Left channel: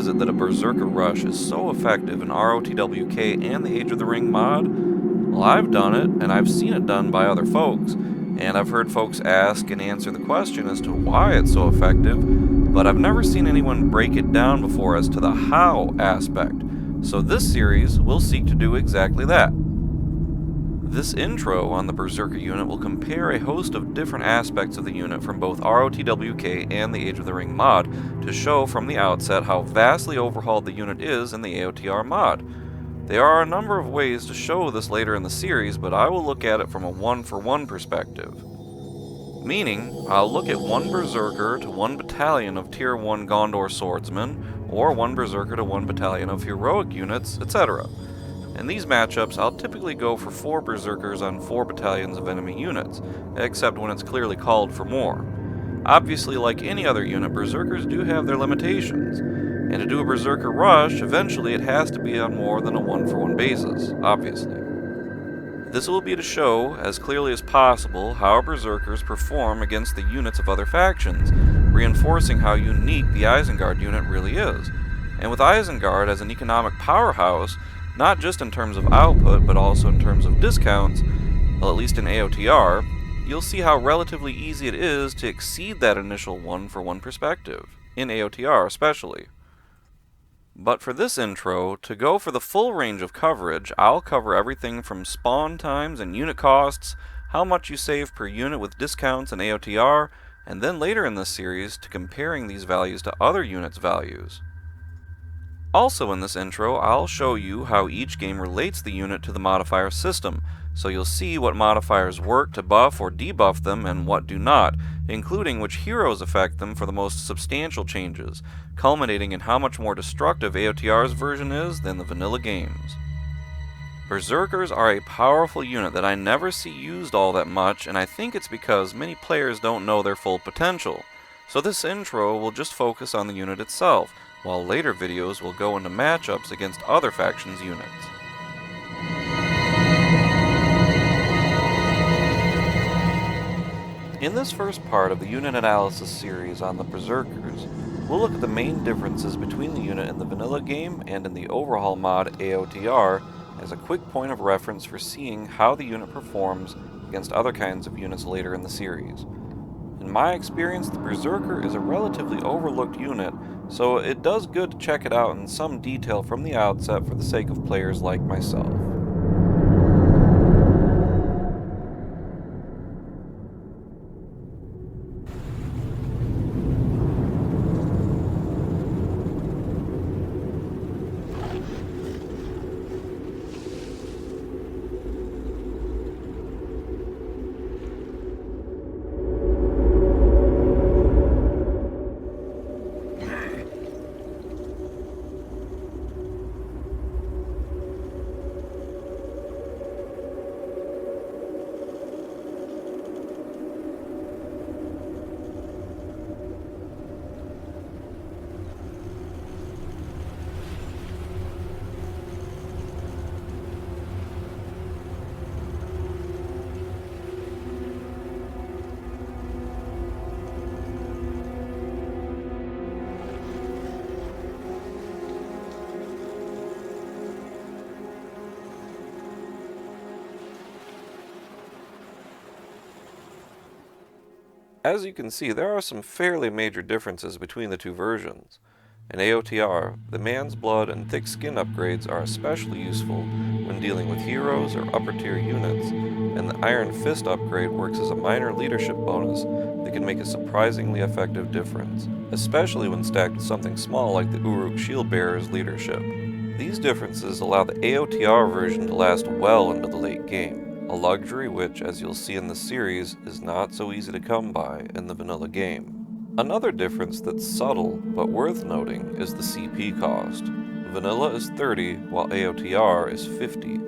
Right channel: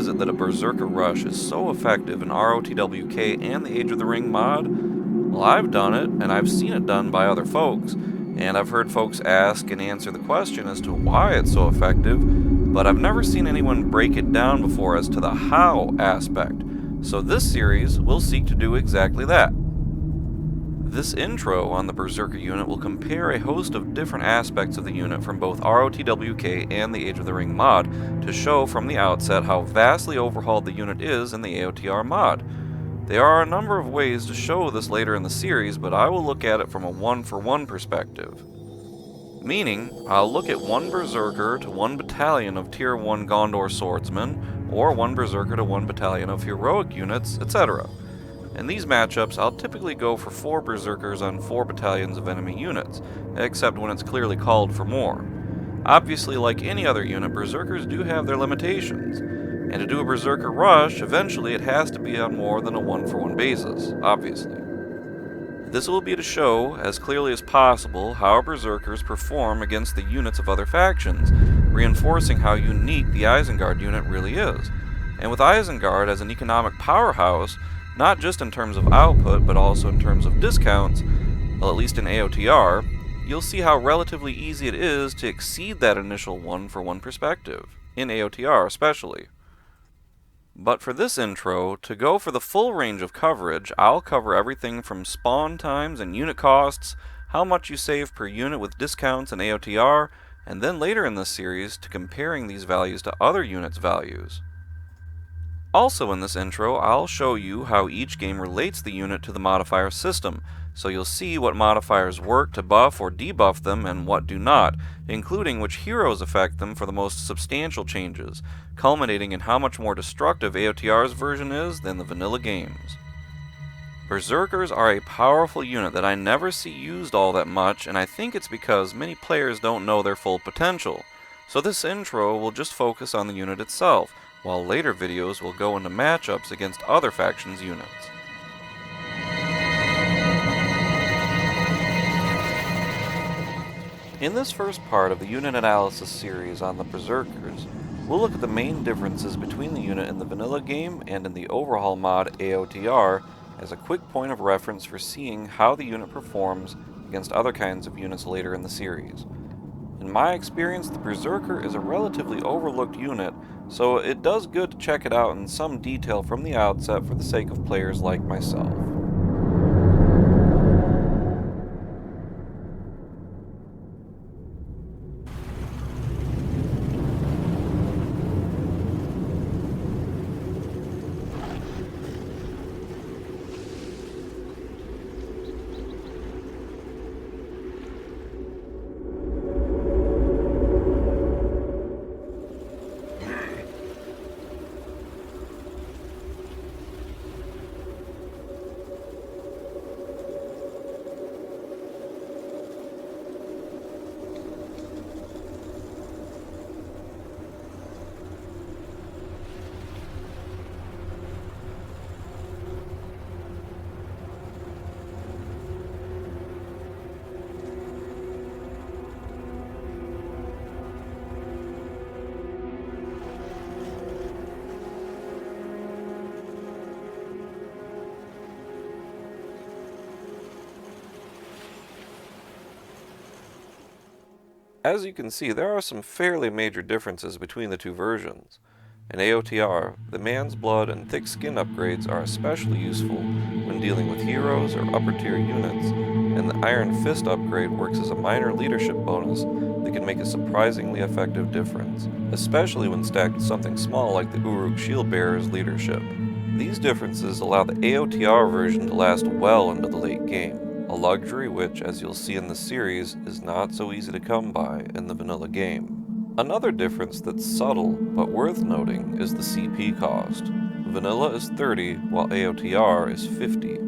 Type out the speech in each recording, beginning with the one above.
is it that a Berserker rush is so effective in ROTWK and the Age of the Ring mod? Well, I've done it, and I've seen it done by other folks, and I've heard folks ask and answer the question as to why it's so effective, but I've never seen anyone break it down before as to the how aspect. So this series will seek to do exactly that. This intro on the Berserker unit will compare a host of different aspects of the unit from both ROTWK and the Age of the Ring mod to show from the outset how vastly overhauled the unit is in the AOTR mod. There are a number of ways to show this later in the series, but I will look at it from a one-for-one perspective. Meaning, I'll look at one Berserker to one battalion of Tier 1 Gondor swordsmen, or one Berserker to one battalion of heroic units, etc. In these matchups, I'll typically go for 4 Berserkers on 4 battalions of enemy units, except when it's clearly called for more. Obviously, like any other unit, Berserkers do have their limitations, and to do a Berserker rush, eventually it has to be on more than a one-for-one basis, obviously. This will be to show, as clearly as possible, how Berserkers perform against the units of other factions, reinforcing how unique the Isengard unit really is. And with Isengard as an economic powerhouse, not just in terms of output, but also in terms of discounts, well, at least in AOTR, you'll see how relatively easy it is to exceed that initial one-for-one perspective, in AOTR especially. But for this intro, to go for the full range of coverage, I'll cover everything from spawn times and unit costs, how much you save per unit with discounts in AOTR, and then later in this series to comparing these values to other units' values. Also in this intro, I'll show you how each game relates the unit to the modifier system, so you'll see what modifiers work to buff or debuff them and what do not, including which heroes affect them for the most substantial changes, culminating in how much more destructive AOTR's version is than the vanilla games. Berserkers are a powerful unit that I never see used all that much, and I think it's because many players don't know their full potential. So this intro will just focus on the unit itself, while later videos will go into matchups against other factions' units. In this first part of the unit analysis series on the Berserkers, we'll look at the main differences between the unit in the vanilla game and in the overhaul mod AOTR as a quick point of reference for seeing how the unit performs against other kinds of units later in the series. In my experience, the Berserker is a relatively overlooked unit, so it does good to check it out in some detail from the outset for the sake of players like myself. As you can see, there are some fairly major differences between the two versions. In AOTR, the Man's Blood and Thick Skin upgrades are especially useful when dealing with heroes or upper tier units, and the Iron Fist upgrade works as a minor leadership bonus that can make a surprisingly effective difference, especially when stacked with something small like the Uruk Shieldbearer's leadership. These differences allow the AOTR version to last well into the late game, a luxury which, as you'll see in the series, is not so easy to come by in the vanilla game. Another difference that's subtle but worth noting is the CP cost. Vanilla is 30 while AOTR is 50,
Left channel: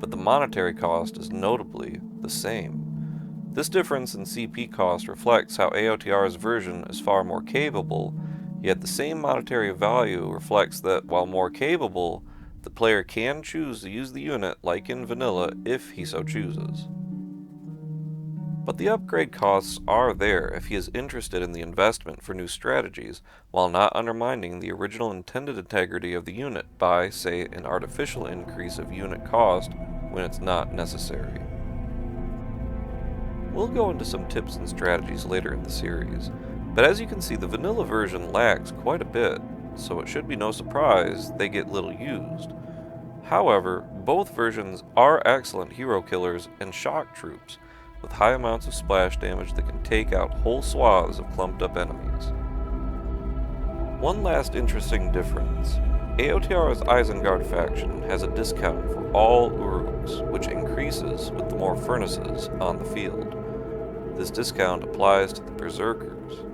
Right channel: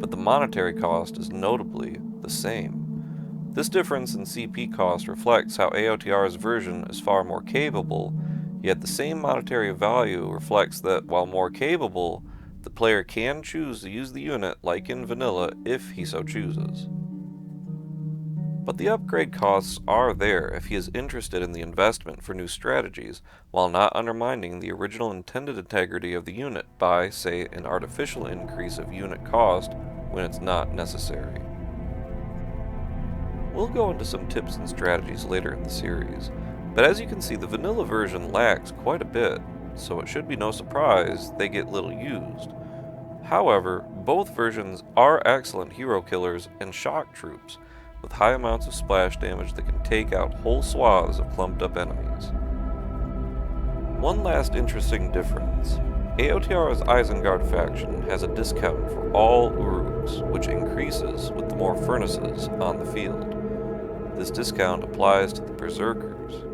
but the monetary cost is notably the same. This difference in CP cost reflects how AOTR's version is far more capable, yet the same monetary value reflects that while more capable, the player can choose to use the unit like in vanilla if he so chooses. But the upgrade costs are there if he is interested in the investment for new strategies, while not undermining the original intended integrity of the unit by, say, an artificial increase of unit cost when it's not necessary. We'll go into some tips and strategies later in the series, but as you can see, the vanilla version lags quite a bit, so it should be no surprise they get little used. However, both versions are excellent hero killers and shock troops, with high amounts of splash damage that can take out whole swaths of clumped up enemies. One last interesting difference. AOTR's Isengard faction has a discount for all Uruks, which increases with the more furnaces on the field. This discount applies to the Berserkers.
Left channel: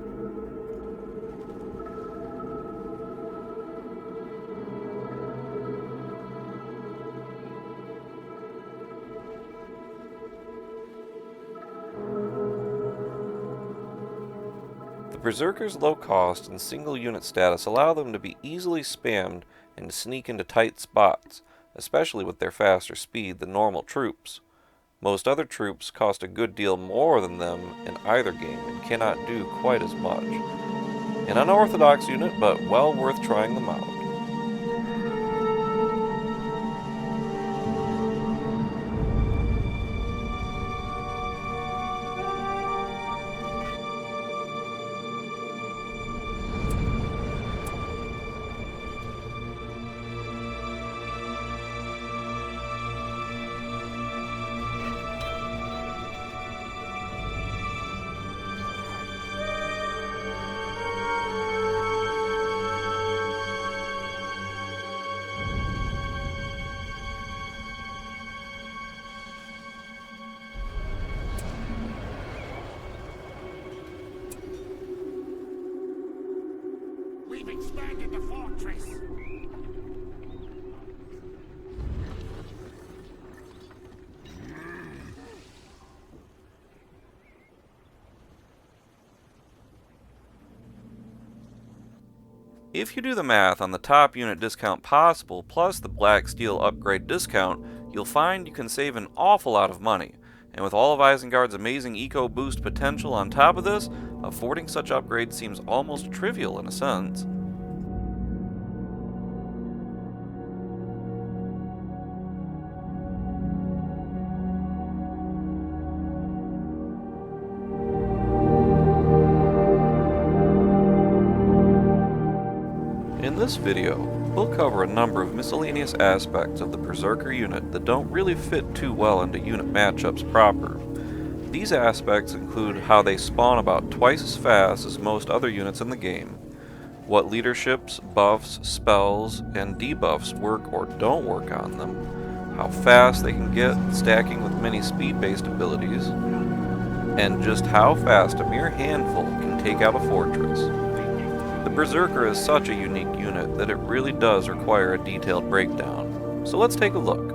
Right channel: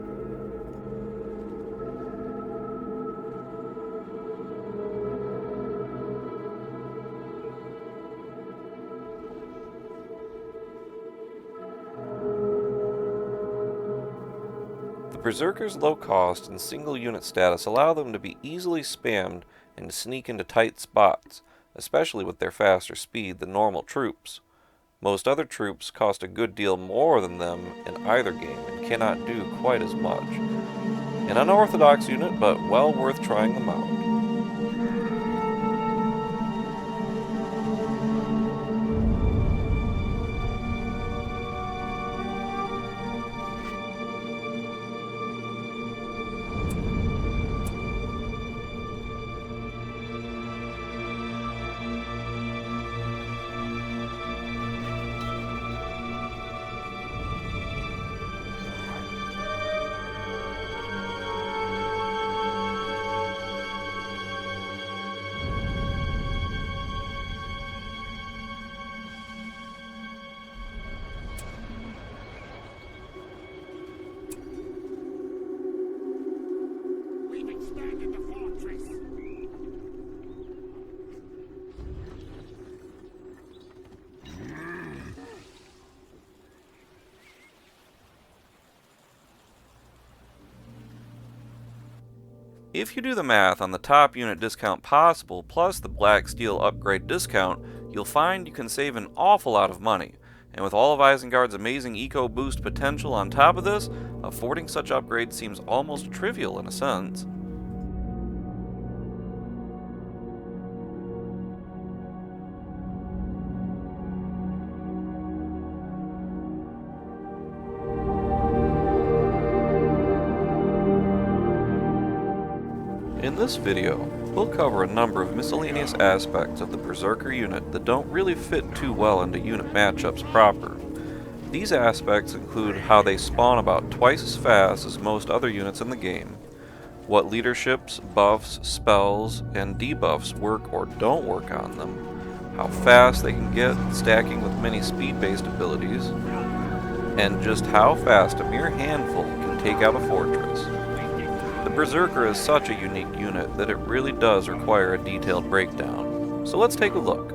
The Berserkers' low cost and single unit status allow them to be easily spammed and to sneak into tight spots, especially with their faster speed than normal troops. Most other troops cost a good deal more than them in either game and cannot do quite as much. An unorthodox unit, but well worth trying them out. We've expanded the fortress. If you do the math on the top unit discount possible plus the black steel upgrade discount, you'll find you can save an awful lot of money. And with all of Isengard's amazing eco boost potential on top of this, affording such upgrades seems almost trivial in a sense. In this video, we'll cover a number of miscellaneous aspects of the Berserker unit that don't really fit too well into unit matchups proper. These aspects include how they spawn about twice as fast as most other units in the game, what leaderships, buffs, spells, and debuffs work or don't work on them, how fast they can get stacking with many speed-based abilities, and just how fast a mere handful can take out a fortress. The Berserker is such a unique unit that it really does require a detailed breakdown, so let's take a look.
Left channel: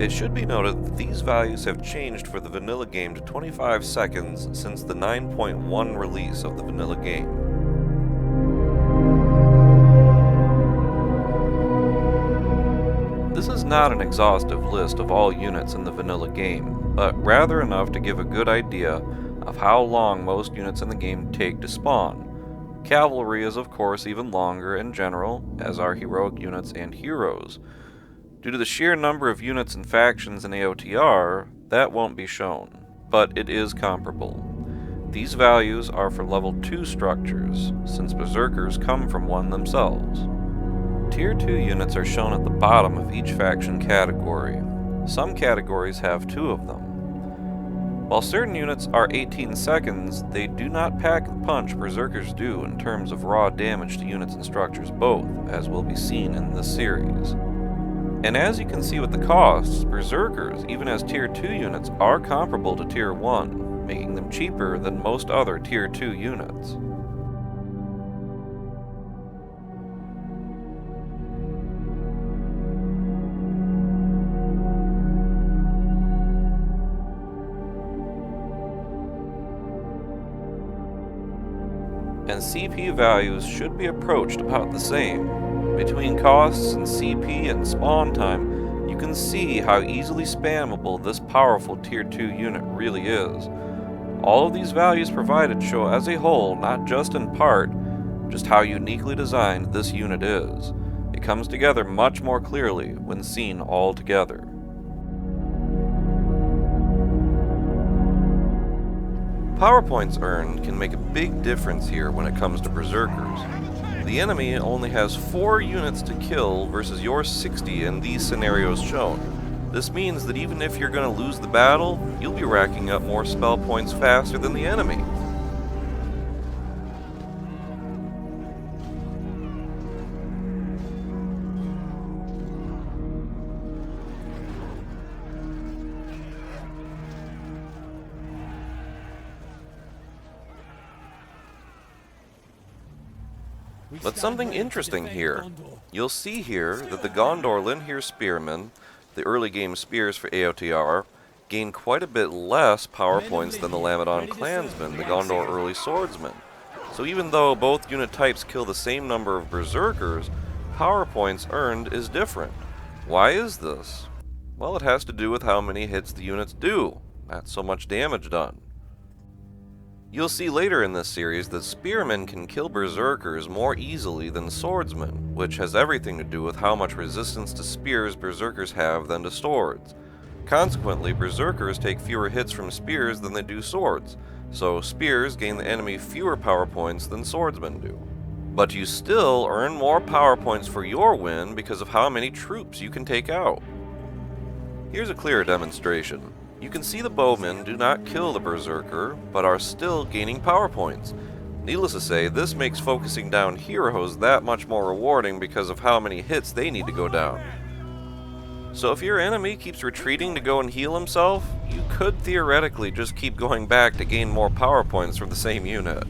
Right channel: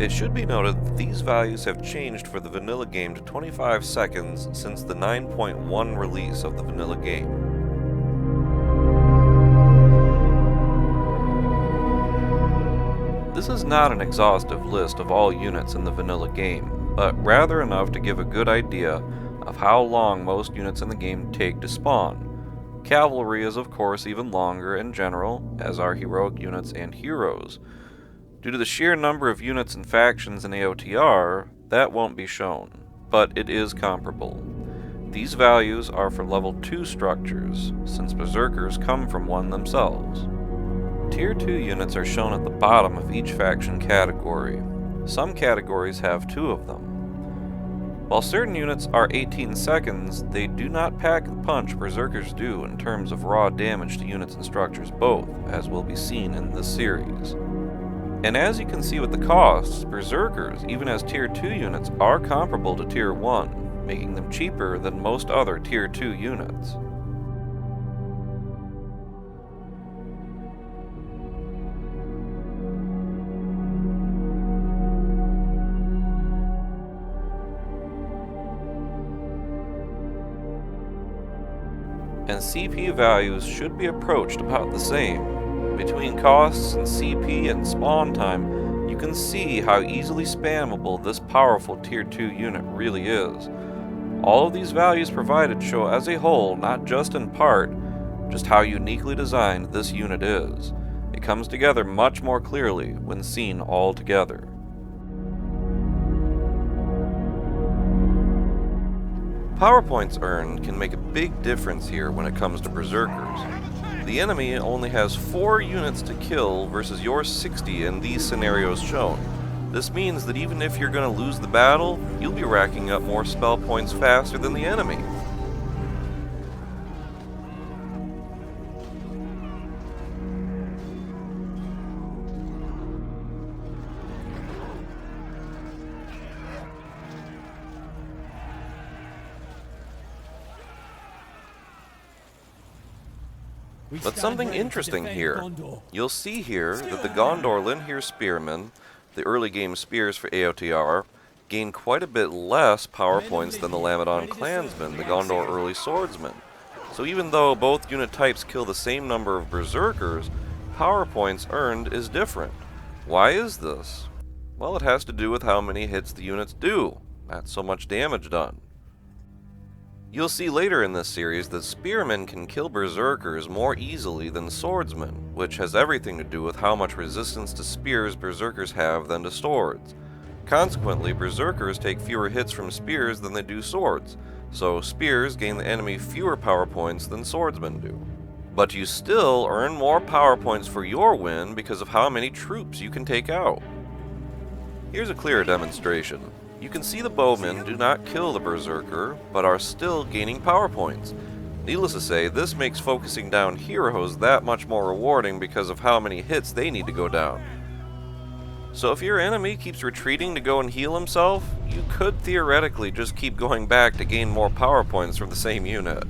It should be noted that these values have changed for the vanilla game to 25 seconds since the 9.1 release of the vanilla game. This is not an exhaustive list of all units in the vanilla game, but rather enough to give a good idea of how long most units in the game take to spawn. Cavalry is of course even longer in general, as are heroic units and heroes. Due to the sheer number of units and factions in AOTR, that won't be shown, but it is comparable. These values are for level 2 structures, since Berserkers come from one themselves. Tier 2 units are shown at the bottom of each faction category. Some categories have 2 of them. While certain units are 18 seconds, they do not pack the punch Berserkers do in terms of raw damage to units and structures both, as will be seen in this series. And as you can see with the costs, Berserkers, even as Tier 2 units, are comparable to Tier 1. making them cheaper than most other Tier 2 units. And CP values should be approached about the same. Between costs and CP and spawn time, you can see how easily spammable this powerful Tier 2 unit really is. All of these values provided show as a whole, not just in part, just how uniquely designed this unit is. It comes together much more clearly when seen all together. Power points earned can make a big difference here when it comes to Berserkers. The enemy only has 4 units to kill versus your 60 in these scenarios shown. This means that even if you're going to lose the battle, you'll be racking up more spell points faster than the enemy. But something interesting here. You'll see here that the Gondor Linhir Spearmen, the early game spears for AOTR, gain quite a bit less power points than the Lamedon Clansmen, the Gondor early swordsmen. So even though both unit types kill the same number of Berserkers, power points earned is different. Why is this? Well, it has to do with how many hits the units do, not so much damage done. You'll see later in this series that spearmen can kill berserkers more easily than swordsmen, which has everything to do with how much resistance to spears berserkers have than to swords. Consequently, berserkers take fewer hits from spears than they do swords, so spears gain the enemy fewer power points than swordsmen do. But you still earn more power points for your win because of how many troops you can take out. Here's a clear demonstration. You can see the bowmen do not kill the berserker, but are still gaining power points. Needless to say, this makes focusing down heroes that much more rewarding because of how many hits they need to go down. So if your enemy keeps retreating to go and heal himself, you could theoretically just keep going back to gain more power points from the same unit.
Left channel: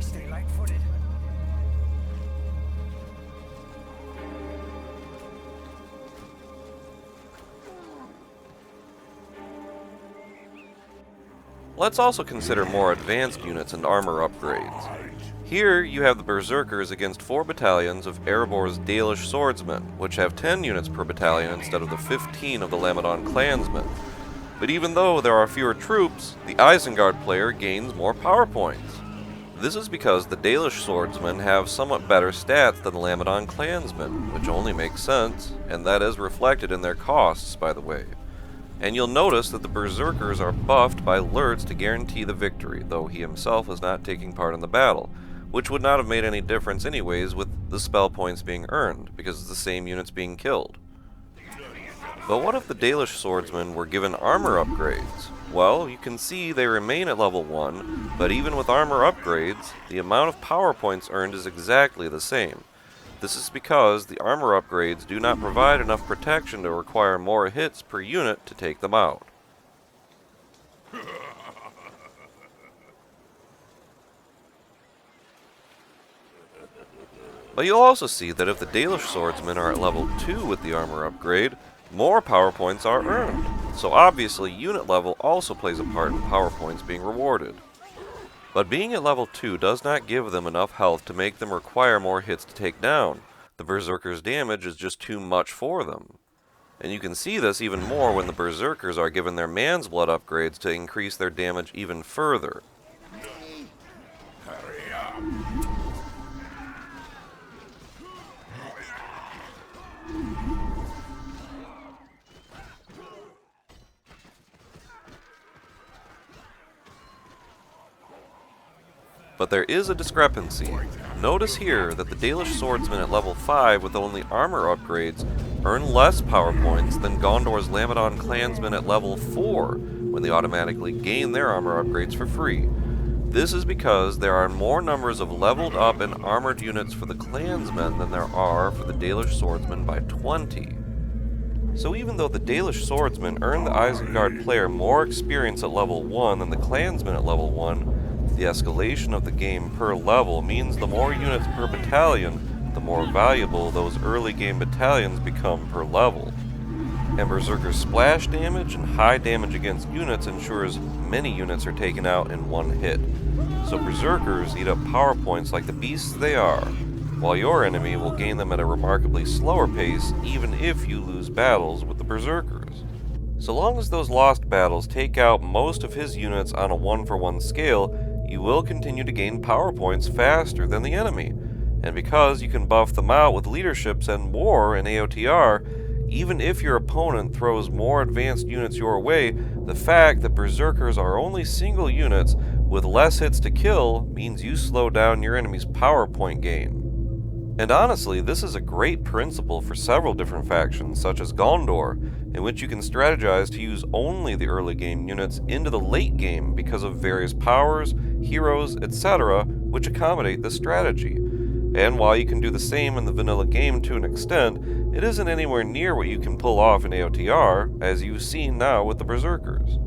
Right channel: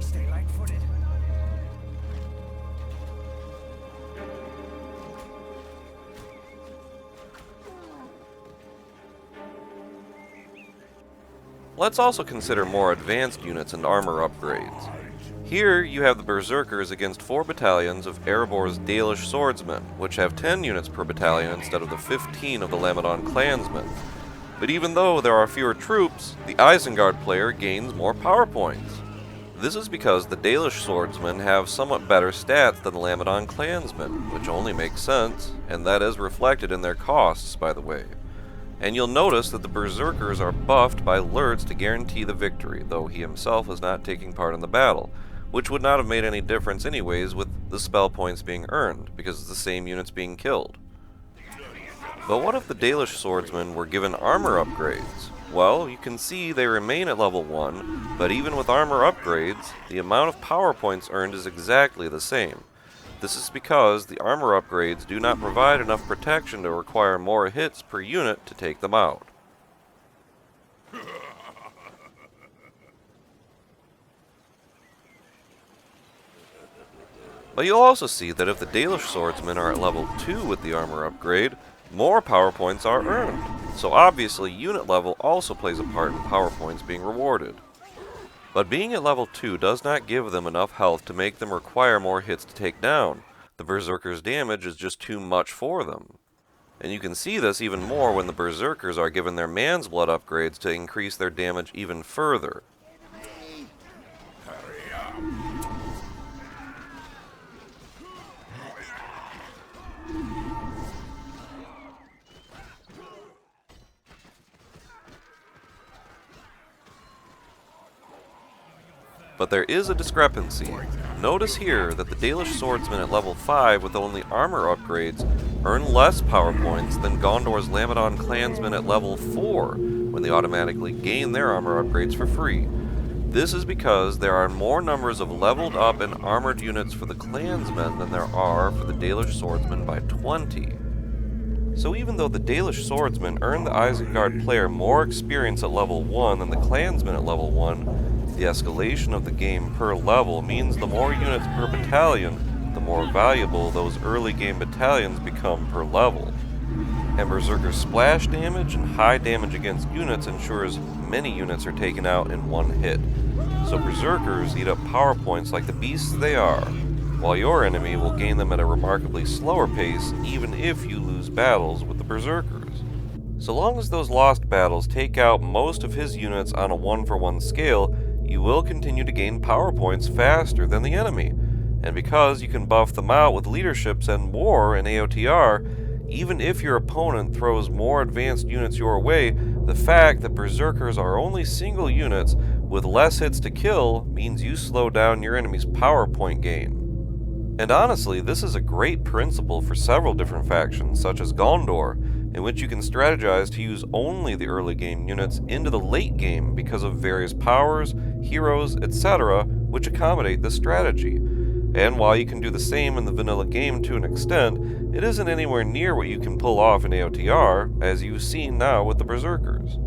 Stay light-footed. Let's also consider more advanced units and armor upgrades. Here you have the Berserkers against 4 battalions of Erebor's Dalish swordsmen, which have 10 units per battalion instead of the 15 of the Lamedon clansmen. But even though there are fewer troops, the Isengard player gains more power points. This is because the Dalish swordsmen have somewhat better stats than the Lamedon clansmen, which only makes sense, and that is reflected in their costs, by the way. And you'll notice that the Berserkers are buffed by Lurtz to guarantee the victory, though he himself is not taking part in the battle, which would not have made any difference anyways with the spell points being earned, because it's the same units being killed. But what if the Dalish swordsmen were given armor upgrades? Well, you can see they remain at level 1, but even with armor upgrades, the amount of power points earned is exactly the same. This is because the armor upgrades do not provide enough protection to require more hits per unit to take them out. But you'll also see that if the Dalish swordsmen are at level 2 with the armor upgrade, more power points are earned. So obviously unit level also plays a part in power points being rewarded. But being at level 2 does not give them enough health to make them require more hits to take down. The Berserkers' damage is just too much for them. And you can see this even more when the Berserkers are given their Man's Blood upgrades to increase their damage even further. Hurry up. But there is a discrepancy. Notice here that the Dalish swordsmen at level 5 with only armor upgrades earn less power points than Gondor's Lamedon clansmen at level 4 when they automatically gain their armor upgrades for free. This is because there are more numbers of leveled up and armored units for the clansmen than there are for the Dalish swordsmen by 20. So even though the Dalish swordsmen earn the Isengard player more experience at level 1 than the clansmen at level 1, the escalation of the game per level means the more units per battalion, the more valuable those early game battalions become per level. And Berserker's splash damage and high damage against units ensures many units are taken out in one hit. So Berserkers eat up power points like the beasts they are, while your enemy will gain them at a remarkably slower pace even if you lose battles with the Berserkers. So long as those lost battles take out most of his units on a 1-for-1 scale, you will continue to gain power points faster than the enemy. And because you can buff them out with leaderships and war in AOTR, even if your opponent throws more advanced units your way, the fact that Berserkers are only single units with less hits to kill means you slow down your enemy's power point gain. And honestly, this is a great principle for several different factions, such as Gondor, in which you can strategize to use only the early game units into the late game because of various powers, heroes, etc., which accommodate this strategy. And while you can do the same in the vanilla game to an extent, it isn't anywhere near what you can pull off in AOTR, as you've seen now with the Berserkers.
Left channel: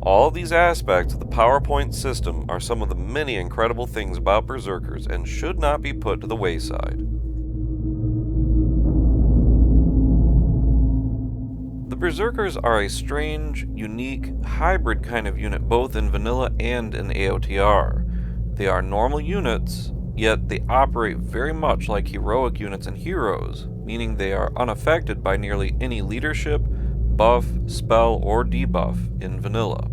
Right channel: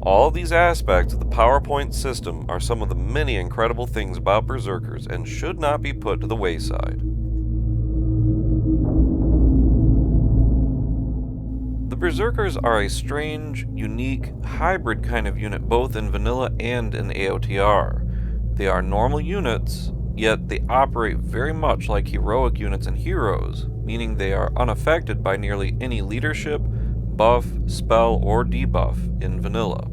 All these aspects of the PowerPoint system are some of the many incredible things about Berserkers and should not be put to the wayside. The Berserkers are a strange, unique, hybrid kind of unit both in vanilla and in AOTR. They are normal units, yet they operate very much like heroic units and heroes, meaning they are unaffected by nearly any leadership, buff, spell, or debuff in vanilla.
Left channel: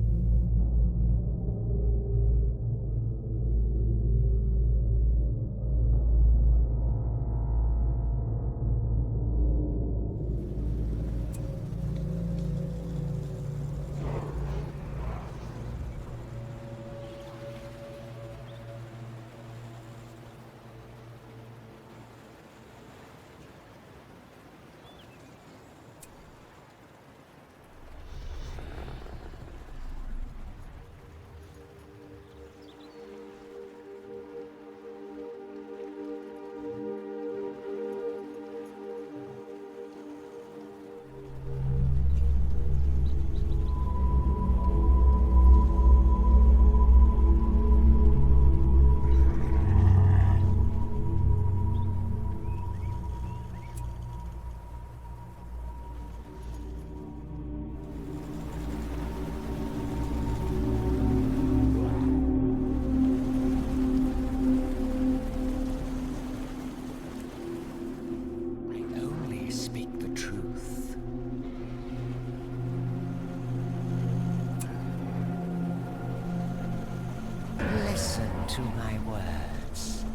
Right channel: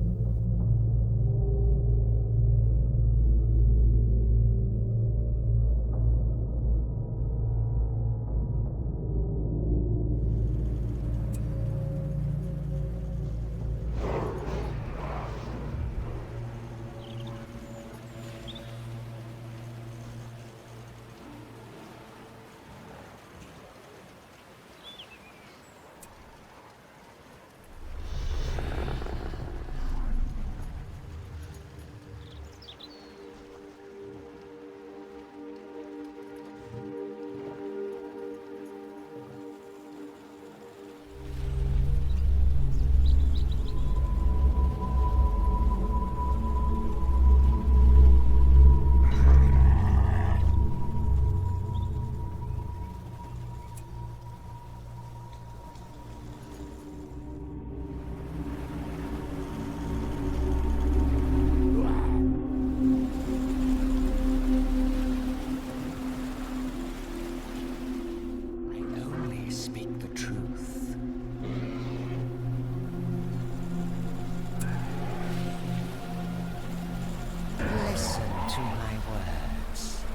To my words.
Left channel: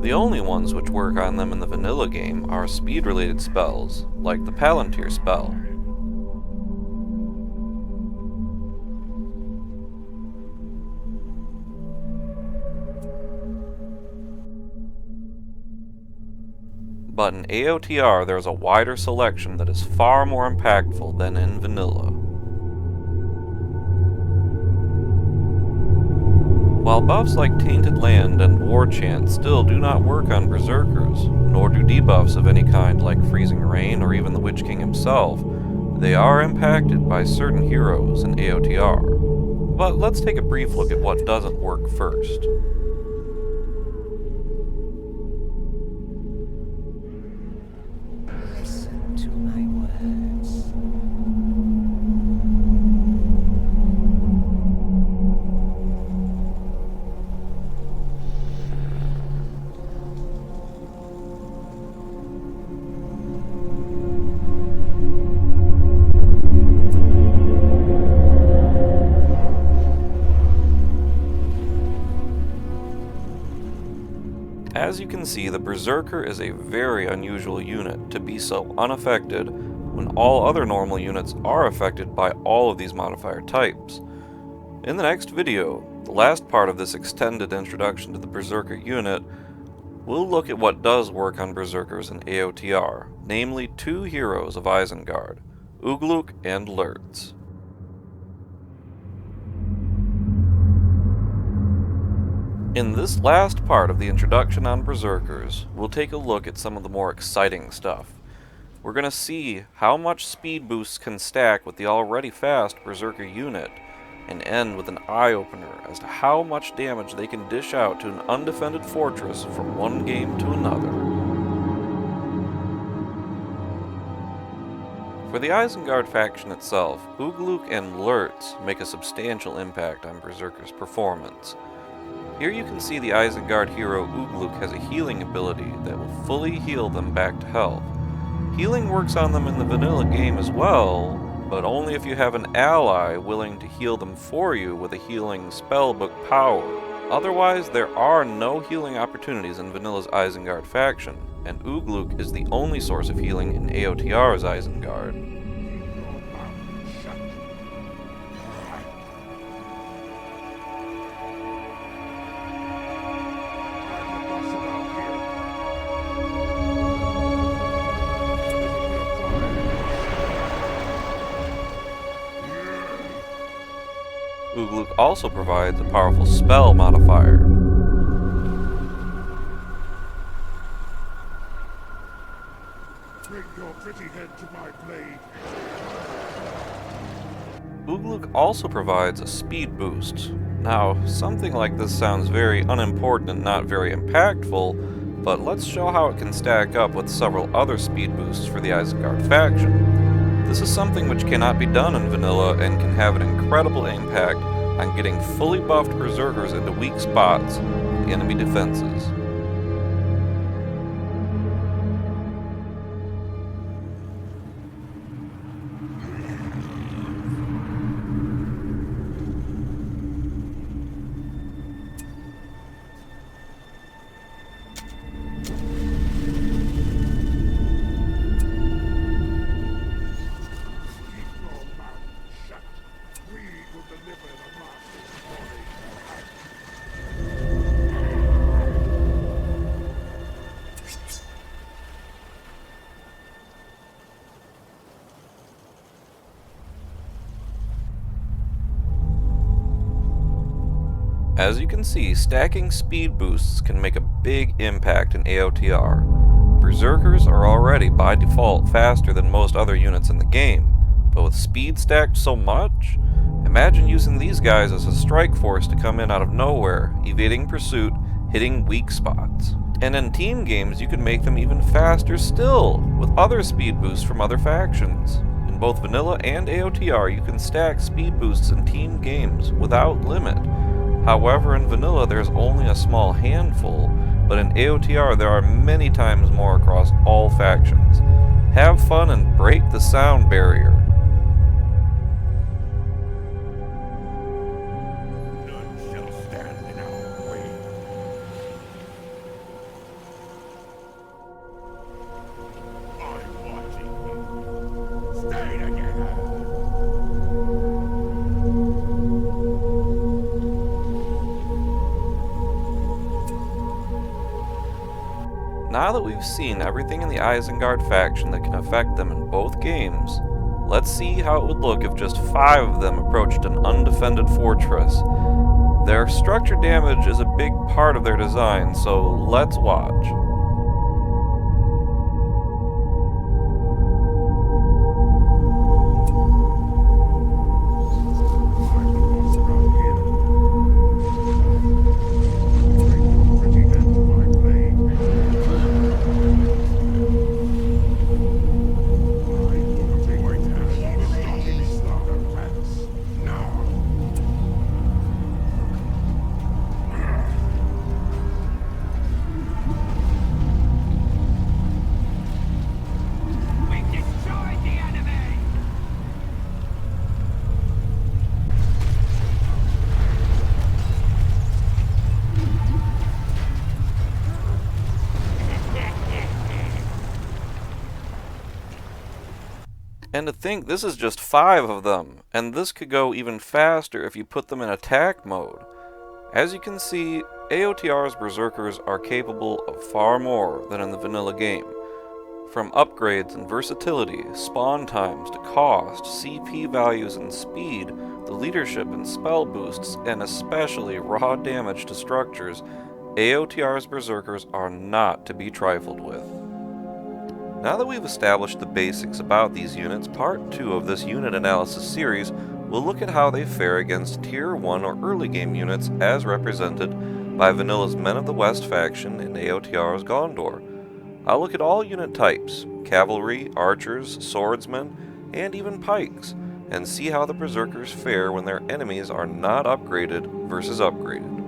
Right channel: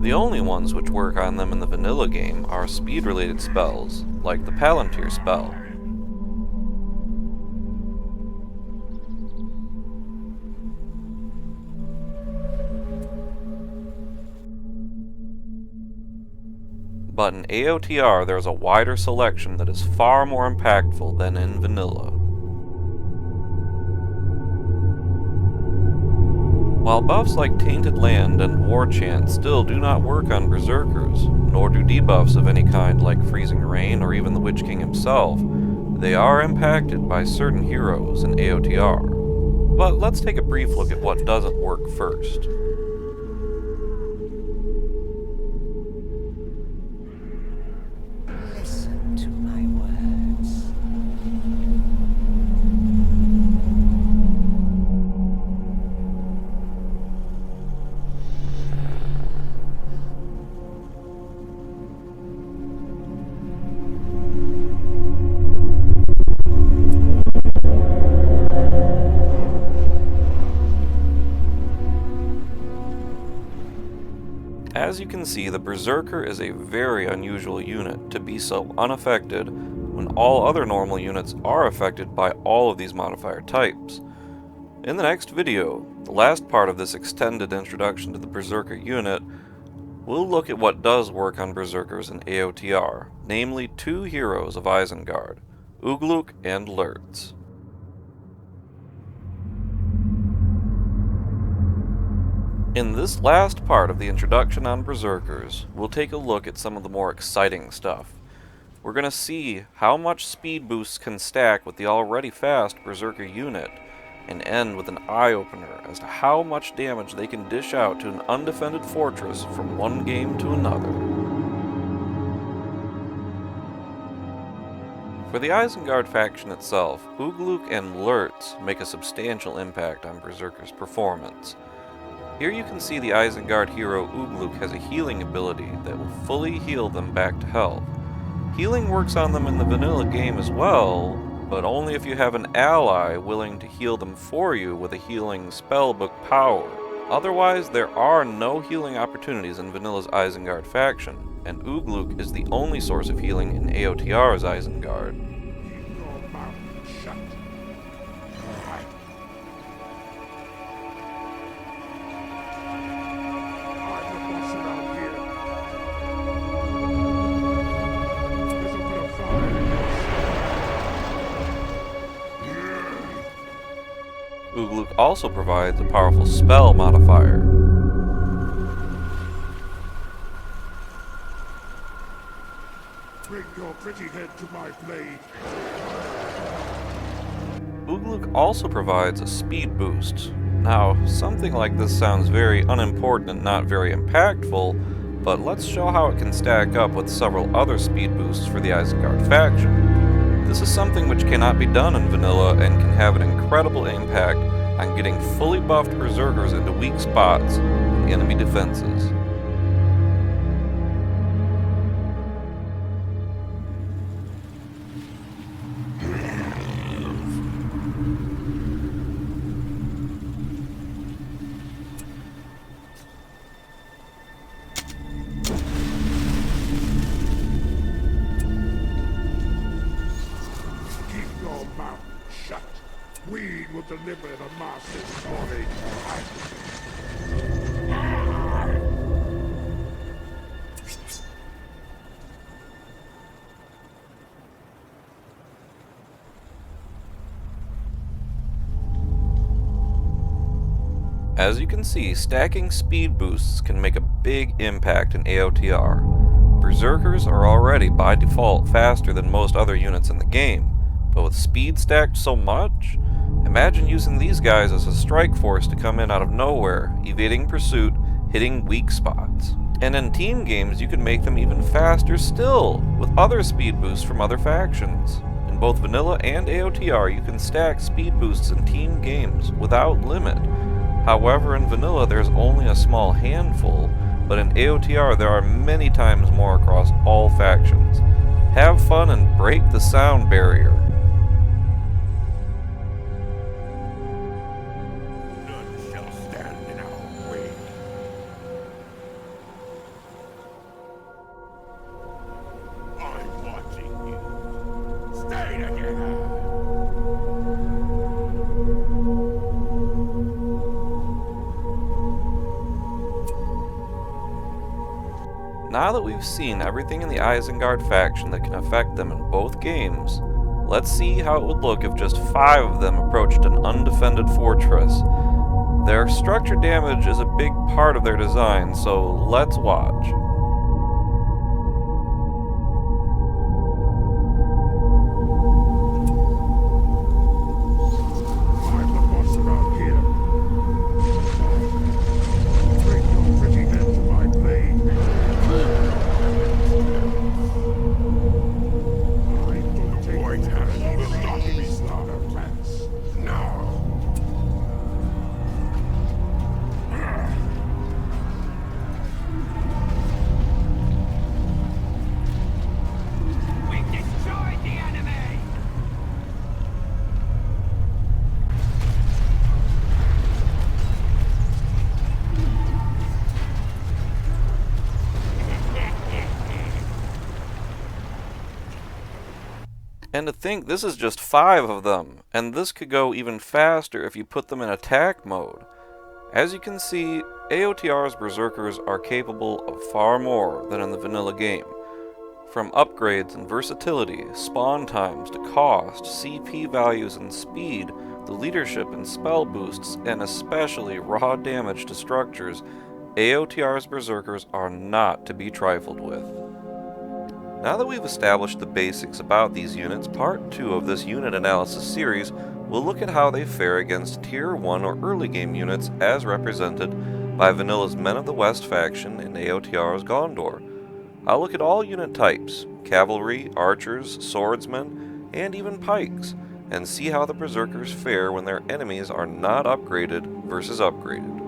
The only ones which work on them in the vanilla game are speed-related spells, like the Palantir spell. But in AOTR there is a wider selection that is far more impactful than in vanilla. While buffs like Tainted Land and War Chant still do not work on Berserkers, nor do debuffs of any kind like Freezing Rain or even the Witch King himself, they are impacted by certain heroes in AOTR. But let's take a brief look at what doesn't work first. Listen to my words. As you can see, the Berserker is a very unusual unit to be so unaffected when all other normal units are affected by all of these modifier types. In the next video, the last part of this extended introduction to the Berserker unit, we'll look at what does work on Berserkers in AOTR, namely two heroes of Isengard, Ugluk and Lurtz. In this last part of the introduction on Berserkers, we'll take a look at some of the more exciting stuff. We're going to see how much speed boosts can stack with the already fast Berserker unit, and end with an eye-opener as to how much damage they can dish out to an undefended fortress from one game to another. For the Isengard faction itself, Ugluk and Lurtz make a substantial impact on Berserker's performance. Here you can see the Isengard hero Ugluk has a healing ability that will fully heal them back to health. Healing works on them in the vanilla game as well, but only if you have an ally willing to heal them for you with a healing spellbook power. Otherwise, there are no healing opportunities in Vanilla's Isengard faction, and Ugluk is the only source of healing in AOTR's Isengard. Keep your mouth shut. I'm the boss around here. This'll put a fire in Ugluk also provides a powerful spell modifier. Bring your pretty head to my blade. Ugluk also provides a speed boost. Now, something like this sounds very unimportant and not very impactful, but let's show how it can stack up with several other speed boosts for the Isengard faction. This is something which cannot be done in vanilla and can have an incredible impact on getting fully buffed Berserkers into weak spots in enemy defenses. Weed will deliver the master's glory. As you can see, stacking speed boosts can make a big impact in AOTR. Berserkers are already by default faster than most other units in the game, but with speed stacked so much, imagine using these guys as a strike force to come in out of nowhere, evading pursuit, hitting weak spots. And in team games, you can make them even faster still, with other speed boosts from other factions. In both vanilla and AOTR, you can stack speed boosts in team games without limit. However, in vanilla, there's only a small handful, but in AOTR, there are many times more across all factions. Have fun and break the sound barrier. Now that we've seen everything in the Isengard faction that can affect them in both games, let's see how it would look if just 5 of them approached an undefended fortress. Their structure damage is a big part of their design, so let's watch. I'm the boss around here. Bring your pretty head to my blade. And to think this is just 5 of them, and this could go even faster if you put them in attack mode. As you can see, AOTR's Berserkers are capable of far more than in the vanilla game. From upgrades and versatility, spawn times to cost, CP values and speed, the leadership and spell boosts, and especially raw damage to structures, AOTR's Berserkers are not to be trifled with. Now that we've established the basics about these units, part 2 of this unit analysis series will look at how they fare against Tier 1 or early game units as represented by Vanilla's Men of the West faction and AOTR's Gondor. I'll look at all unit types, cavalry, archers, swordsmen, and even pikes, and see how the Berserkers fare when their enemies are not upgraded versus upgraded.